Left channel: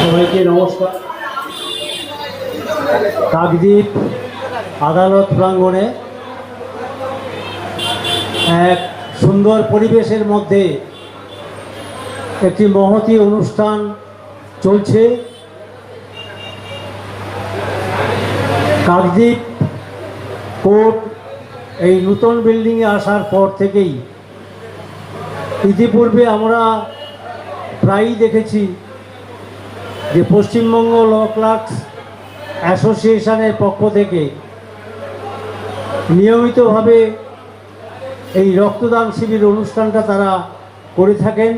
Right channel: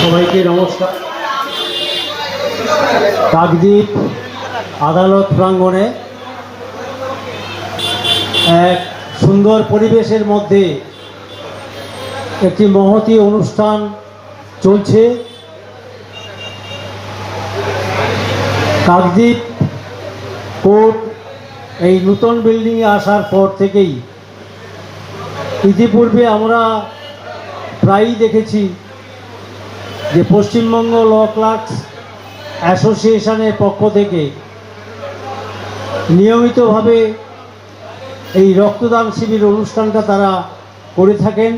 সবাইকে নমস্কার। কাকদ্বীপ আদালত প্রাঙ্গণে এক সুন্দর পরিবেশের মধ্যে একটি মহতি অনুষ্ঠান চলছে। কাকদ্বীপ কোর্ট এই নূতন বিল্ডিংয়ে আসার পর থেকেই ইতিপূর্বে আমরা প্রায়ই দেখেছি যে পশ্চিমবঙ্গ ল ক্লার্কস অ্যাসোসিয়েশনের পক্ষ থেকে নিয়মিতভাবে এই রক্তদান শিবির অনুষ্ঠানটা তারা করে থাকেন।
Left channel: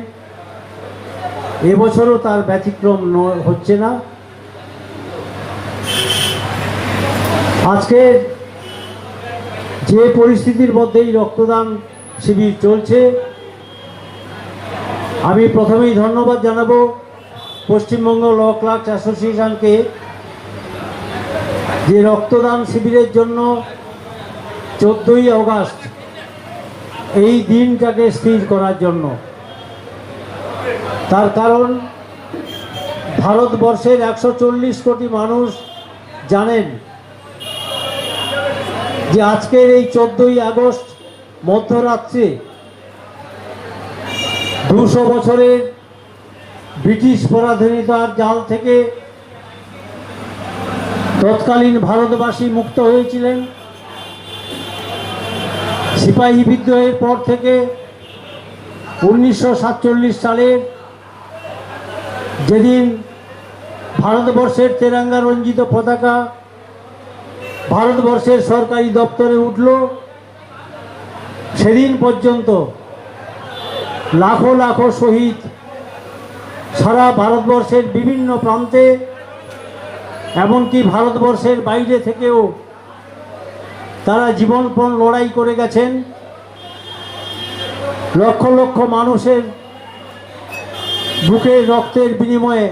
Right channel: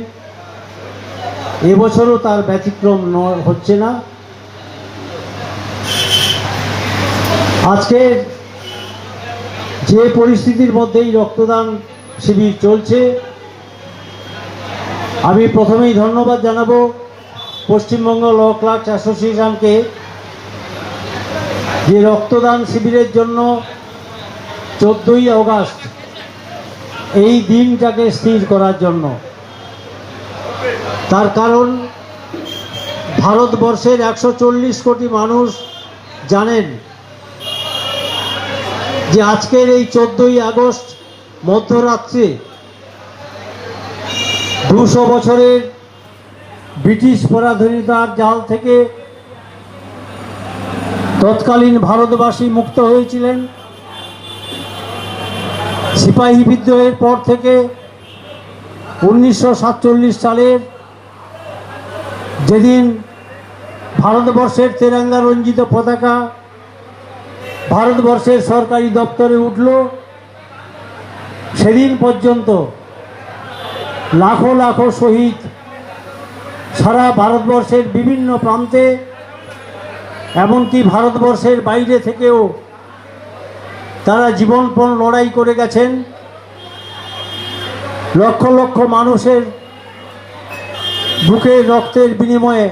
এবছরও তার ব্যতিক্রম হচ্ছে না। আজকের যে পরিস্থিতির মধ্যেই রক্তদান শিবির চলছে, আমি প্রথমেই ধন্যবাদ জানাব পশ্চিমবঙ্গ ল ক্লার্কস অ্যাসোসিয়েশনকে যে রক্তদান শিবিরের জন্য চোদ্দোই অগাস্ট এই দিনটাকে স্থির করার জন্য। তার কারণ, ভারতবর্ষের একশো চল্লিশ কোটি মানুষ জানেন যে আজকের এই চোদ্দই আগস্ট মধ্যরাত্রে দুশো বছরের ব্রিটিশ পরাধীনতার জাল থেকে তৎকালীন ভারতবাসী মুক্ত হয়েছিলেন। সিপাহী বিদ্রোহের পর থেকে উনিশশো সাতচল্লিশ সালের যেদিন ভারতবর্ষের তেরাঙ্গা রঞ্জিত পতাকা ভারতবর্ষের সরকারি দপ্তরে উঠল, সেদিন পর্যন্ত লাখো লাখো শহীদ সারা ভারতবর্ষের বিভিন্ন প্রান্তে, এমনকি ভারতবর্ষের বাইরে থেকেও তারা জীবনপণ লড়াই করে গেছেন। লক্ষ লক্ষ মানুষের বুকের রক্তের বিনিময়ে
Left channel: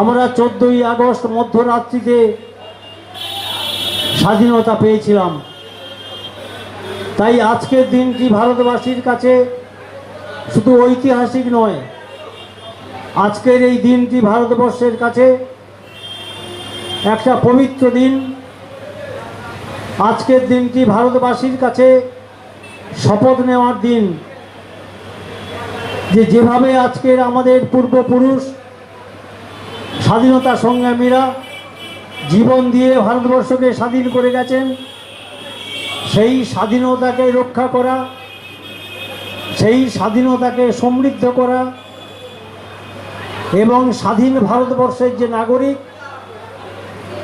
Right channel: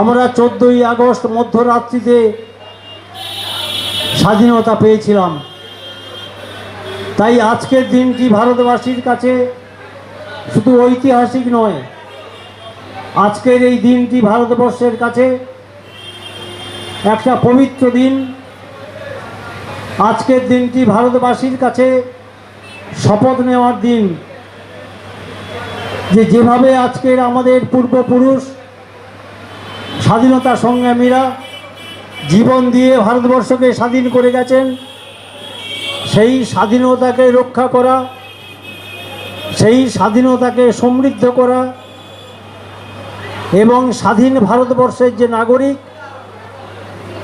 আমরা চোদ্দোই আগস্ট মধ্যরাত্রিতে স্বাধীনতা পেয়েছিলাম। তাই আজকের দিনটি ভারতবাসীর কাছে শুধু ঐতিহাসিক নয় আজকের এই দিনটি ভারতবর্ষের কাছে একটা পবিত্র দিন। আজকের দিনটি ভারতবাসীর কাছে শপথ নেওয়ার দিন। যে যেভাবে আজকের আমাদের পূর্বপুরুষ স্বাধীনতা সংগ্রামীরা জীবন দিয়ে ভারতবর্ষকে স্বাধীন করে গেছেন, সেই স্বাধীনতাকে রক্ষা করা, সেই স্বাধীনতাকে সমৃদ্ধ করা এবং স্বাধীন ভারতবর্ষের যে নাগরিক,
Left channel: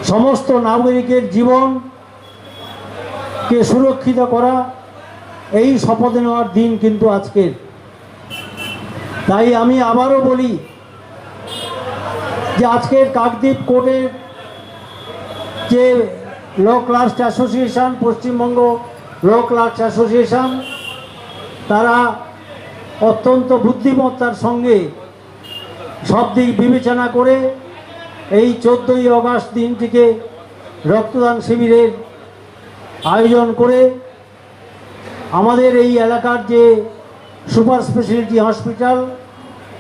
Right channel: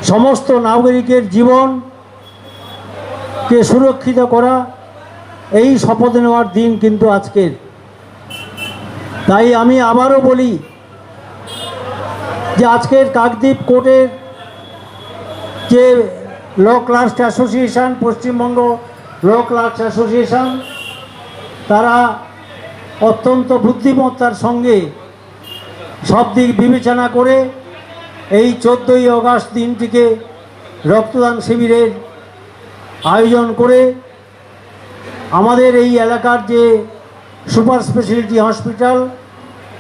সমস্ত নাগরিকের জীবনকে সুরক্ষিত করা, এই শপথ নেওয়ার দিন কিন্তু আজকের। তাই আমি আবারও বলি যে আজকের কাকদ্বীপ কোর্টের যে law clerks association, Paschimbanga law clerks association, তারা অত্যন্ত বুদ্ধিমত্তার সঙ্গে সব দিক বিবেচনা করে এই চোদ্দোই অগাস্ট দিনটিকে রক্তদান শিবিরের আয়োজন করে আমাদের এই এলাকার যে super speciality hospital,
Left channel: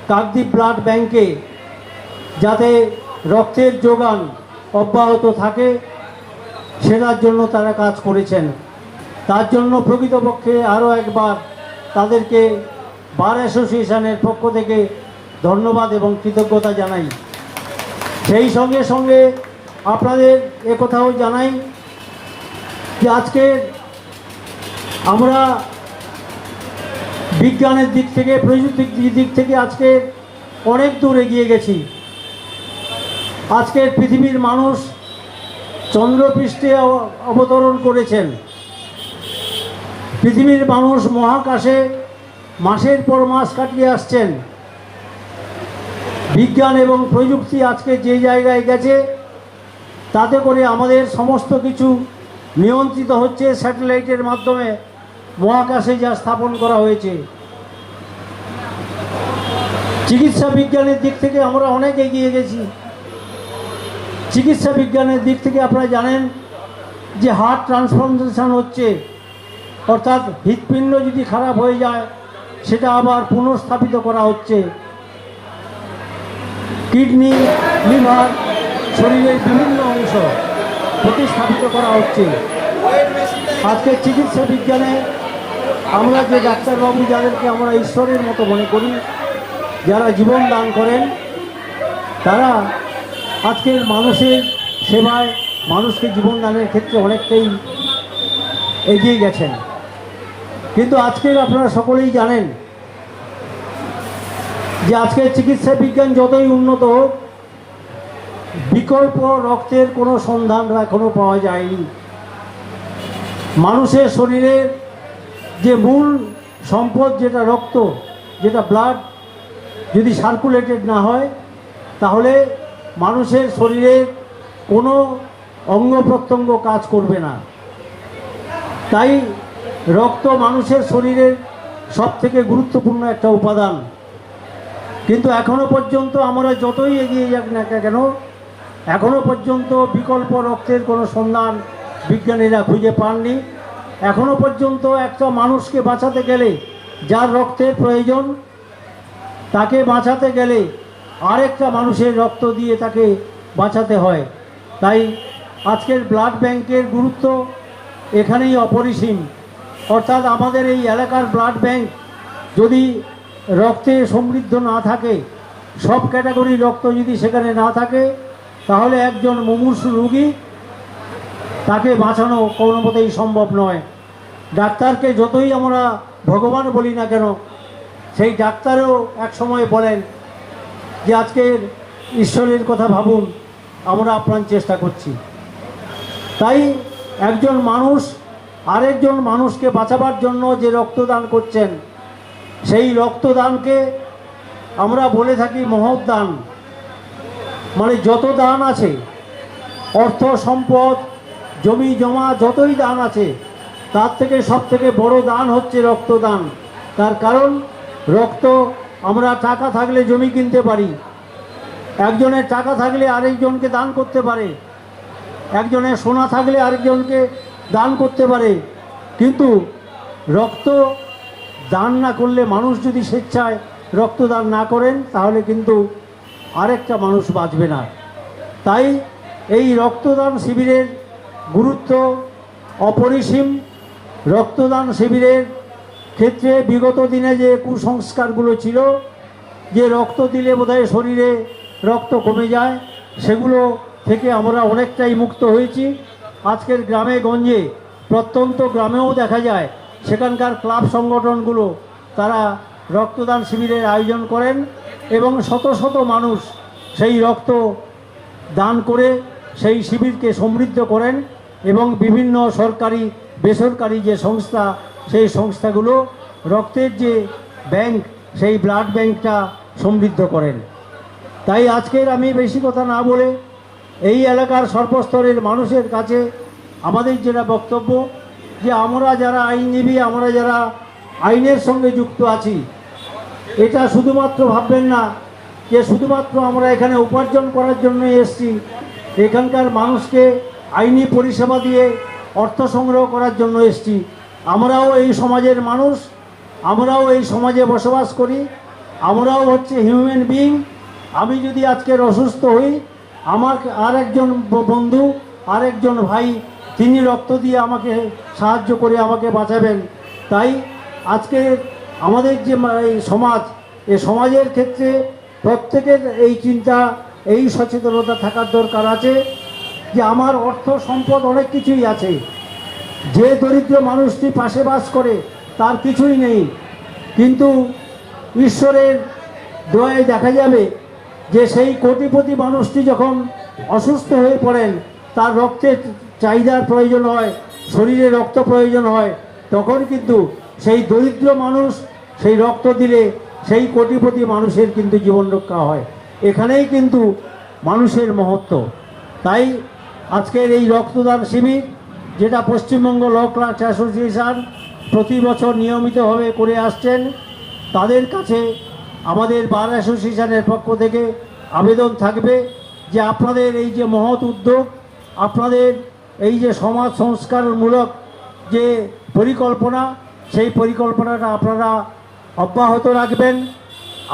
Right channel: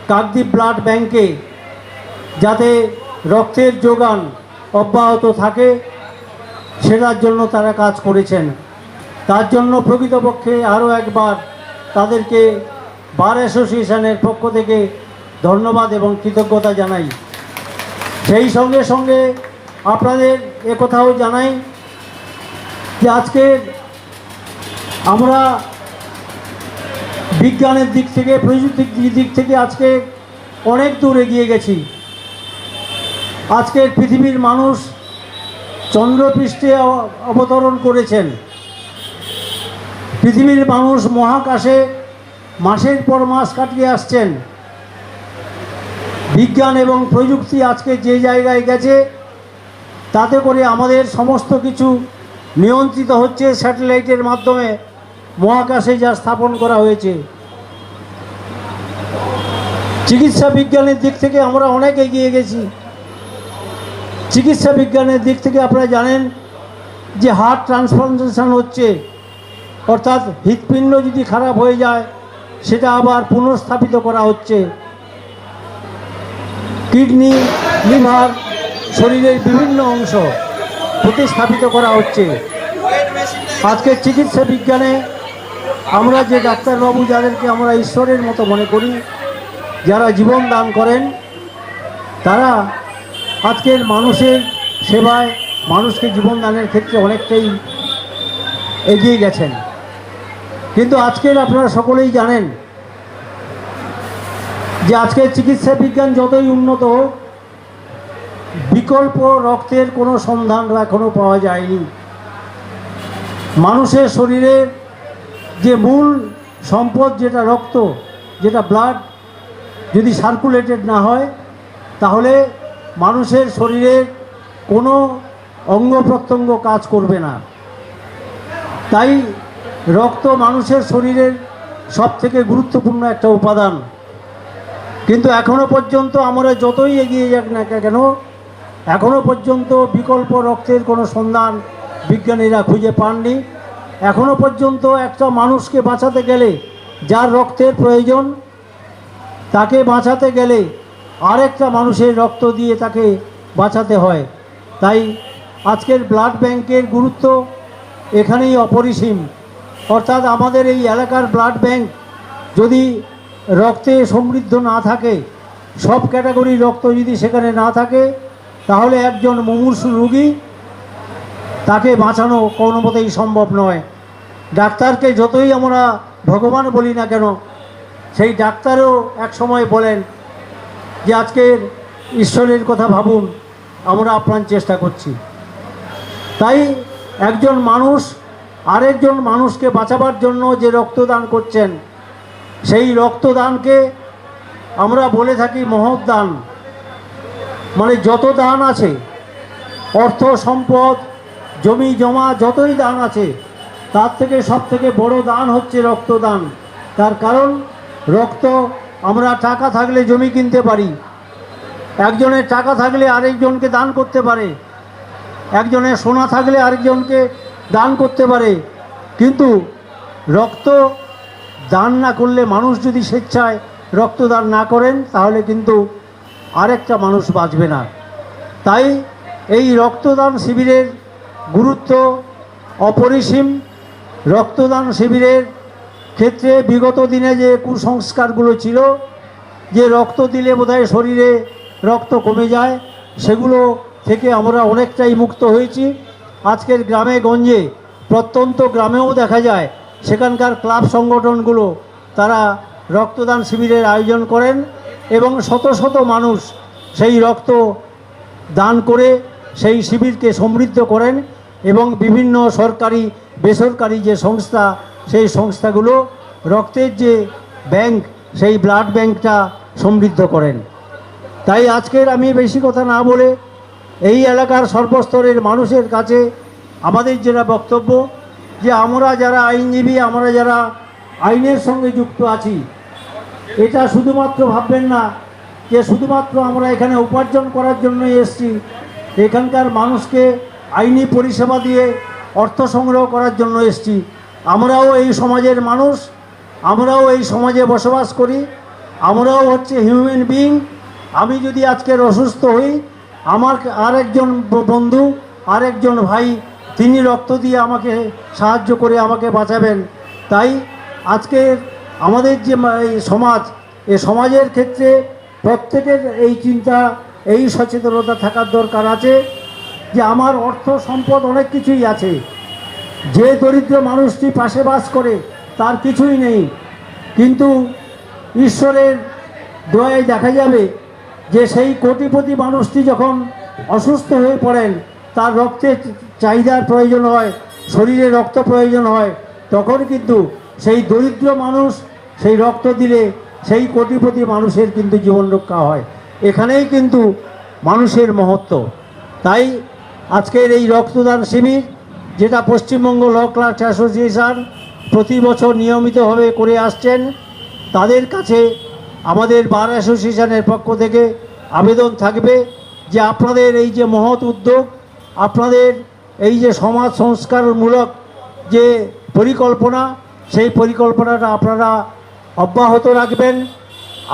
Kakdwip blood ব্যাংকে যাতে রক্তের যোগান অব্যাহত থাকে, সেটার জন্য তারা কাজ করেছেন। তার জন্য প্রকৃতপক্ষে আরও একবার তাদেরকে বার অ্যাসোসিয়েশনের পক্ষ থেকে ধন্যবাদ এবং কৃতজ্ঞতা জানাই। সেই সঙ্গে সঙ্গে আপনাদের কথাও জানাই যে আজকে আমরা বিজ্ঞানের দিক থেকে, প্রযুক্তির দিক থেকে আজকে অনেক দূর এগিয়ে গেছি। আজকের পৃথিবীর মানুষ চন্দ্রপৃষ্ঠে অবতরণ করেছেন। পৃথিবীর মানুষ মহাকাশে মাসের পর মাস কাটিয়ে আসছেন। বিজ্ঞান এবং প্রযুক্তি আজকে যে জায়গায় গেছে, তাতে করে আমাদের সমস্ত কিছু নিয়ন্ত্রিত হচ্ছে স্যাটেলাইটের মাধ্যমে মহাকাশে যা স্থাপন করা হয়েছে। চিকিৎসা বিজ্ঞানের দিক থেকে আমরা অনেক এগিয়ে গেছি। চিকিৎসা বিজ্ঞানের দিক থেকে আপনারা জানেন যে হার্ট ট্রান্সপ্লান্টেশন হচ্ছে, অর্থাৎ হৃৎপিণ্ড যদি খারাপ হয়ে যায়, সেটা আবার পুনঃস্থাপিত করা হচ্ছে। কিডনি, লিভার, শরীরের বিভিন্ন অংশ প্রতিস্থাপিত করা হচ্ছে। আজকে চিকিৎসা বিজ্ঞানে আমরা যে ডাক্তারবাবু যাদেরকে আমরা ঈশ্বরের মতো মনে করি, যারা জীবন দান করেন, তারা আজকের মানুষের সেবায় মানুষকে জীবন দানের ক্ষেত্রে অনেকটাই এগিয়ে গেছেন। কিন্তু আজকের আপনারা সকলেই জানেন যে আজকের চিকিৎসা বিজ্ঞান যতই উন্নত বিকল্প রক্তের কোনো সন্ধান এখনও পাওয়া যায়নি। মানুষের শরীরের যে মূল সম্পদ যেটা রক্ত, যেটা ব্লাড যদি সার্কুলেটেড না হয়, তাহলে মানুষের শরীরের কোনো অঙ্গ প্রত্যঙ্গ কাজ করবে না। তাই রক্ত মানুষের শরীরের সব থেকে গুরুত্বপূর্ণ একটা উপাদান। কিন্তু এখনও পর্যন্ত আমরা যতই এগিয়ে যাক না কেন, এখনও পর্যন্ত বিকল্প রক্তের কোনো সন্ধান বিজ্ঞানীরা খুঁজে পাননি। এখনও পর্যন্ত একটা মানুষকে বাঁচাতে গেলে যার রক্তের প্রয়োজন, তাকে বাঁচাতে গেলে আরেকটা মানুষের রক্ত দিয়ে তাকে বাঁচাতে হয়। তাই আজকের ব্লাড ব্যাংকের গুরুত্ব এখানেই অপরিসীম। অর্থাৎ আমাদের এই এলাকার ব্লাড ব্যাংক যদি রক্তে সমৃদ্ধ না থাকে, সব ক্যাটাগরির রক্ত যদি সেখানে না থাকে, তাহলে একজন মুমূর্ষু রুগী তাকে বাঁচানো কোনো মতেই সম্ভব নয়। ডাক্তারকে যতই আমরা ভগবান বলি না কেন, সেই ডাক্তারও এক সময় বলেন যে আজকের ঈশ্বরের কথা ভাবুন, আমরা আপ্রাণ চেষ্টা করছি। তাই একজন মানুষ আরেকজন মানুষকে বাঁচাবার জন্য যে রক্তদান করছেন সেই রক্তদানকে আমরা বলে থাকি মহৎ দান মানে যত দান আছে, অর্থ, সম্পদ, জমি, জমা, যতই দান আছে, তার থেকে সব থেকে বড় দান হচ্ছে রক্তদান। তার কারণ, রক্ত, আমরা টাকা থাকলে জমি কিনতে পারি। একজনের টাকা থাকলে আরেকজনকে দান করতে পারে। একজনের সোনা থাকলে আরেকজনকে দান করতে পারে। কিন্তু রক্ত দান না করলে মানুষ যদি স্বেচ্ছায় রক্তদান না করেন, তাহলে কিন্তু আরেকটা মানুষ বাঁচবে না। তাই এই রক্তদান শিবিরের গুরুত্ব অপরিসীম। রক্তদান শিবিরের ক্ষেত্রে বিগত দিনে যে কুসংস্কারগুলো ছিল, যে রক্ত দিলে বোধহয় শরীরে রক্ত কমে যায়, সেগুলো থেকে আমরা অনেকটাই মুক্ত হয়েছি। আজকের গ্রামে গঞ্জে, প্রত্যন্ত গ্রামেও দেখা যায় সেখানকার ক্লাব সংগঠনগুলো তারা রক্তদান শিবিরের আয়োজন করেন এবং শত শত মানুষ সেই রক্ত দান করে সেই শিবিরকে সমৃদ্ধ করেন এবং বিভিন্ন সরকারি, বেসরকারি যে সংস্থা, সেই সংস্থাগুলো রক্তের যে ব্যাংক, সেই ব্লাড ব্যাংকটা সমৃদ্ধ করেন। তাই আজকের আমি বেশি কথা না বলে এই এলাকার সর্বস্তরের মানুষের কাছে আমাদের যেটা বক্তব্য যে আমরা যারা আইনজীবী, আমরা যারা আইনের সঙ্গে যুক্ত আছি, এটা শুধুমাত্র ভাববেন না যে শুধুমাত্র আমরা এখানে উপার্জন করার জন্য এসছি। এখানকার মানুষকে আইনি পরিষেবা দিয়ে অর্থ সংগ্রহ করার জন্য এসেছি। আমরাও এই সমাজের মানুষ, আমরাও এই সমাজে বসবাস করি, আমরাও হচ্ছে হিউম্যান বিইং আমি যদি আজকের অসুস্থ হই, আমার আরেকজন ব- বন্ধু, আরেকজন ভাই তিনি রক্ত দিয়ে আমাকে সাহায্য করে আমাকে বাঁচাবেন। তাই আজকে আমাদের যে সমাজ, এ সমাজের ক্ষেত্রে প্রত্যেকের এই চিন্তা, এই সচেতনতা থাকার দরকার আছে যে আমার অর্থ সম্পদ অনেক কিছুই আছে। যে দরিদ্র মানুষটি পাশে বাস করে তার কিছুই নেই। কিন্তু ঈশ্বরের দয়ায় দেখা যাবে যে সেই কোটিপতি মানুষটি যখন অসুস্থ হয়ে পড়েন, তার রক্তের চাহিদার প্রয়োজন হয়, শরীরে রক্ত প্রয়োজন হয়, তখন কিন্তু সেই দরিদ্র মানুষ সেই রক্ত দিলে সেই কোটিপতি মানুষের কিন্তু জীবন রক্ষা হয়। এখানেই কিন্তু মানুষের মহত্ব। তাই আজকের এই রক্তদান শিবির, যেটা পশ্চিমবঙ্গ ল ক্লাস অ্যাসোসিয়েশন প্রতি বছর নিয়মিতভাবে করে আসছেন, তাদের কাছে আমাদের বার অ্যাসোসিয়েশনের পক্ষ থেকে আবেদন থাকবে যে আপনাদের এই যে মহৎ উদ্যোগ, আপনাদের এই যে সমাজ সংস্কারমূলক যে পরিকল্পনা, সেই পরিকল্পনাটা আপনারা অব্যাহত রাখবেন।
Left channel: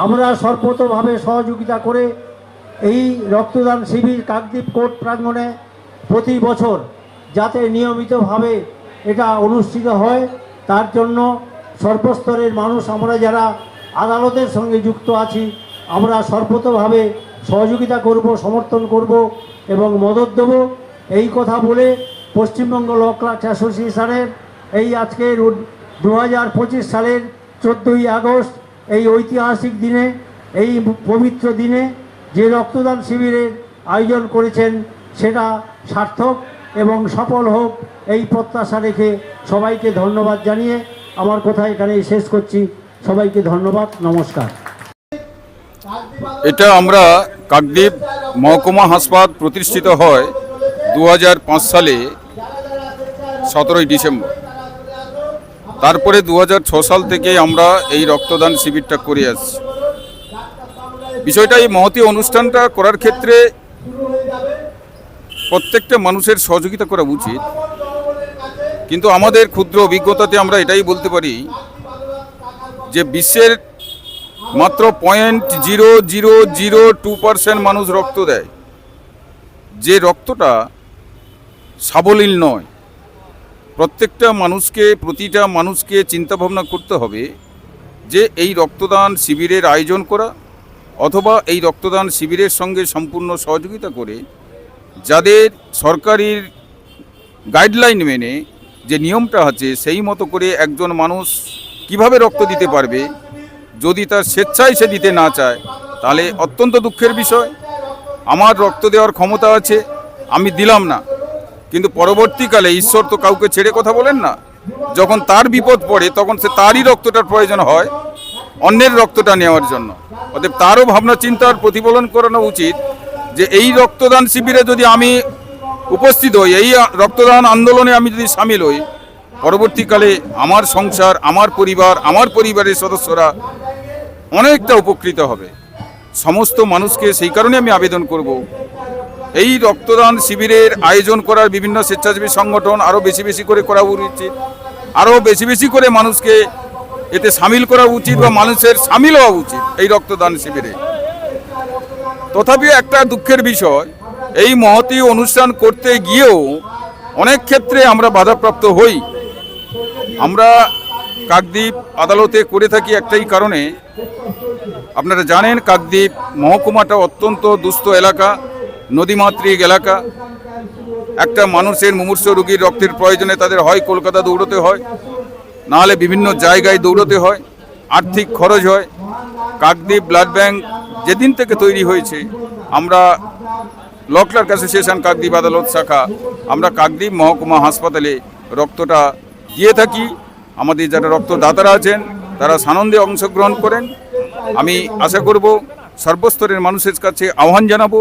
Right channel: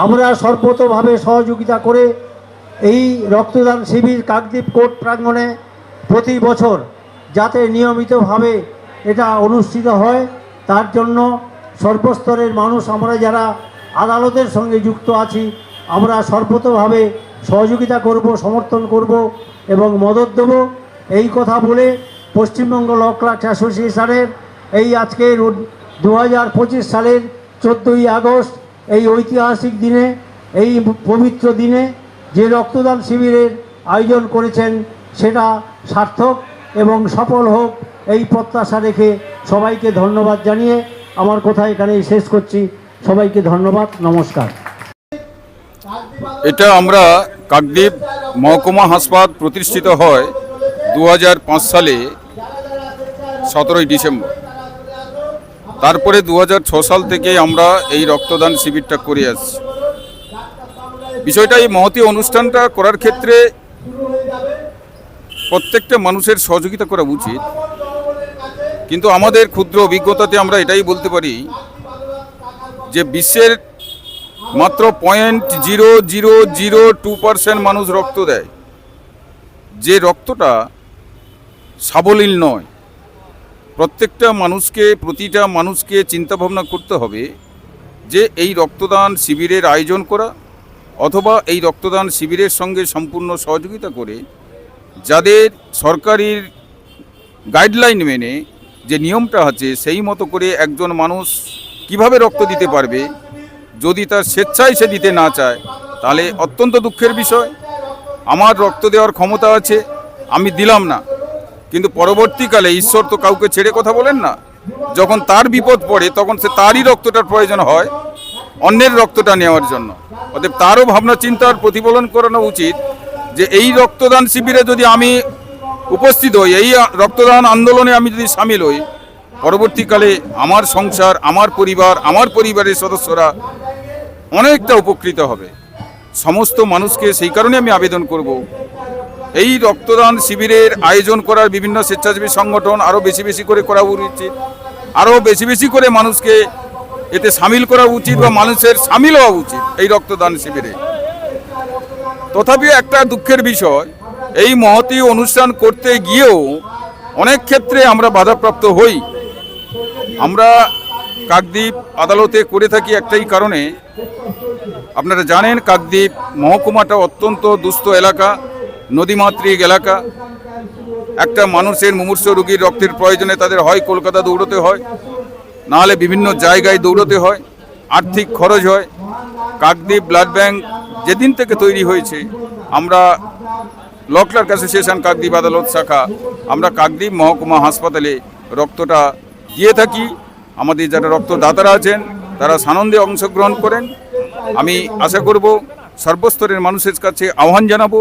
আমরা সর্বতভাবে সহযোগিতা করে এই রক্তদান শিবির কাকদ্বীপ কোর্ট প্রাঙ্গণে প্রতি বছর যাতে নিয়মিতভাবে এটা অনুষ্ঠিত হয়, তার জন্য সর্বস্তরের মানুষ, আমরা যারা আদালতের সঙ্গে যুক্ত আছি, আমরা সর্বতভাবে সহযোগিতা করব, সমর্থন করব এবং মদত দেব। এই কথা বলে পশ্চিমবঙ্গ ল ক্লার্ক অ্যাসোসিয়েশনের এই আজকের দু হাজার পঁচিশ সালের চোদ্দোই আগস্ট এই ঐতিহাসিক দিনে, এই পবিত্র দিনে যে রক্তদান শিবিরের আয়োজন করেছেন সেটা সার্থক এবং সফল হোক এই প্রত্যাশা রেখে সবাইকে ধন্যবাদ জানিয়ে আমার কথা এখানেই শেষ করছি। সবাইকে ধন্যবাদ, নমস্কার। এটা আমরা কাকদ্বীপ মহকুমা হাসপাতাল প্রতিষ্ঠিত হয় দু হাজার পাঁচ সালে সতেরোই ডিসেম্বর। তারপরে দু সাল থেকে আমরা এই রক্তদান শিবিরটা করে আসছি। বিষয়টা এই মহতি অনুষ্ঠানটা করার ক্ষেত্রে প্রত্যেকটা মানুষের সহযোগিতা করা উচিত। কিন্তু আমাদের ক্ষুদ্র অভিজ্ঞতাতে আমরা এটাই বলতে পারি যে বিশ্বের মাত্র point zero zero zero two percent মানুষ রক্ত দেয়। যে রক্তটা সাবলীল নয়। প্রত্যেকটা মানুষকে, প্রতিটা মানুষকে চিন্তা ভাবনা করতে হবে যে এই রক্তদান শিবিরের আয়োজন করা অথবা এই রক্তদান শিবিরের সঙ্গে সম্পূর্ণ সহযোগিতা করে যাদের সরকারির গাইডলাইন মেনে যে নিয়মটা আছে, সেই মতো করে একজন মানুষ কীভাবে রক্ত দিতে পারবে? যদি তার স্বেচ্ছায় সে দিতে না চায়, তাহলে অত্যন্ত দুঃখের বিষয়। আমার রক্ত দেওয়ার ক্ষমতা আছে, আমি দিলাম না। কিন্তু পরবর্তীকালে ঈশ্বর তো কাউকে ছেড়ে কথা বলেন না। যখন তার বিপদ পড়ে, তখন সে তারই রক্তটার প্রয়োজন হয়, অন্যের রক্তটা নেওয়ার জন্য। অতএব তারও ভাবনা চিন্তার প্রতিফলন করানো উচিত যে এই রক্তদান শিবিরে যদি আমি উপস্থিত হই, এই রক্তদান আন্দোলনে আমি যদি সামিল হই, পরবর্তীকালে আমার সংসার, আমার পরিবার, আমার পরিবারের সদস্যরা অনেকটা উপকৃত হবে। সমস্ত মানুষকে সেই কারণে আমি আবেদন করব এই রক্তদান শিবিরের আয়োজন করার বিভিন্ন স্বেচ্ছাসেবী সংগঠন আরও বেশি বেশি করে করা উচিত। আরও বেশি বেশি করে মানুষকে এতে সামিল করা উচিত বা মানুষের সামিল হওয়া উচিত এই রক্তদান শিবিরে। তথাপি একটা দুঃখের বিষয়, এই মহতি অনুষ্ঠান করতে গিয়েও অনেক ক্ষেত্রে আমরা বাধাপ্রাপ্ত হই। আমরা কাকদ্বীপ আদালতে করে থাকি একটাই কারণে, আপনারা জানেন কাকদ্বীপ মহকুমাটা অত্যন্ত দুস্থ এলাকা। নদীমাতৃক এলাকা। একটা মানুষের মুমূর্ষ রোগীর রক্তের প্রয়োজনে তাদের হয় কলকাতা দৌড়তে হয়, নাহলে বিভিন্ন জায়গায় দৌড়তে হয়, আর্থিক খরচ হয়। কাকদ্বীপ ব্লাড ব্যাংক যেদিন থেকে তৈরি হয়েছে, আমরা ল ক্লার্ক অ্যাসোসিয়েশন কাকদ্বীপ আদালত শাখা, আমরা কাকদ্বীপ মহকুমা হাসপাতালে রক্তটা দিয়ে থাকি। আমাদের যারা রক্তদাতারা আছেন, তারা সানন্দে অংশগ্রহণ করেন। আমি আশা করব সর্বস্তরের মানুষের কাছে আহ্বান জানাব।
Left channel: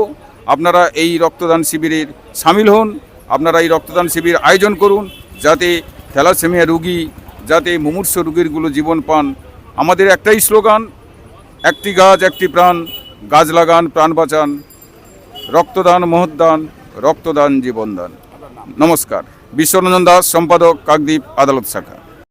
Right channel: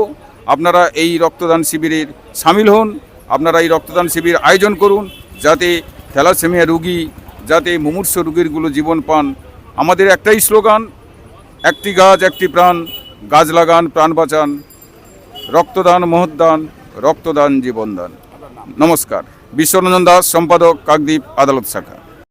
আপনারা এই রক্তদান শিবিরের সামিল হন, আপনারা এই রক্তদান শিবির আয়োজন করুন, যাতে থ্যালাসেমিয়া রুগী, যাতে মুমূর্ষ রুগীরগুলো জীবন পান। আমাদের একটাই স্লোগান, একটি গাছ, একটি প্রাণ, গাছ লাগান, প্রাণ বাঁচান। রক্তদান মহদান রক্তদান, জীবনদান। নমস্কার। বিশ্বরঞ্জন দাস, সম্পাদক, কাকদ্বীপ আদালত শাখা।